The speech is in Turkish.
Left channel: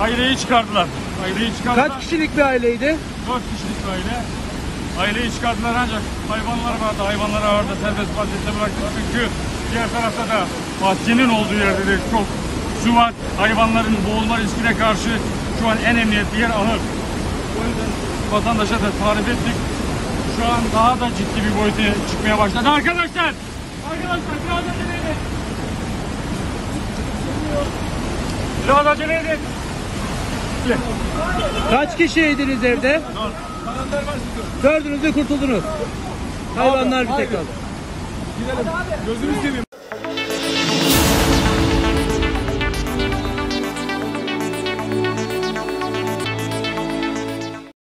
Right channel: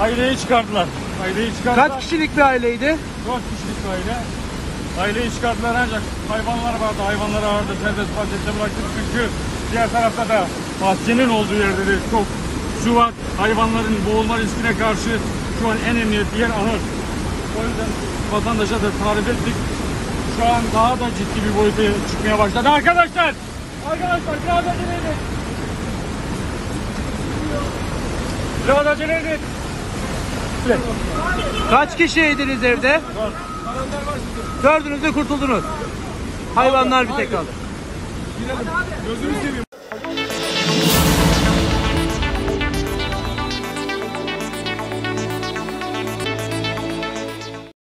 Aileyi çıkardılar. Aileyi çıkardılar. Kaç kişilik bir aileydi? Dört kişilik bir aile. Aileyi çıkardılar ancak hayvanlar vardı. Hayvanları ağırda serbest bahçede bıraktık. Çünkü diğer tarafta da bahçenin olduğu yerde de çok su var. Hayvanların boğulma riskine karşı şu an en emniyetli yer ahır. O yüzden vatandaşa da tarif ettik. Şu an daha da ciddi bir boyuta çıkmaya başladı. Arkadaşlar! Arkadaşlar biraz acele edin. Biraz acele edin. Kaç kişiydiniz evde? Dördünüz de kurtuldunuz. Hayvanlar bir tek kaldı. Gözünü seveyim.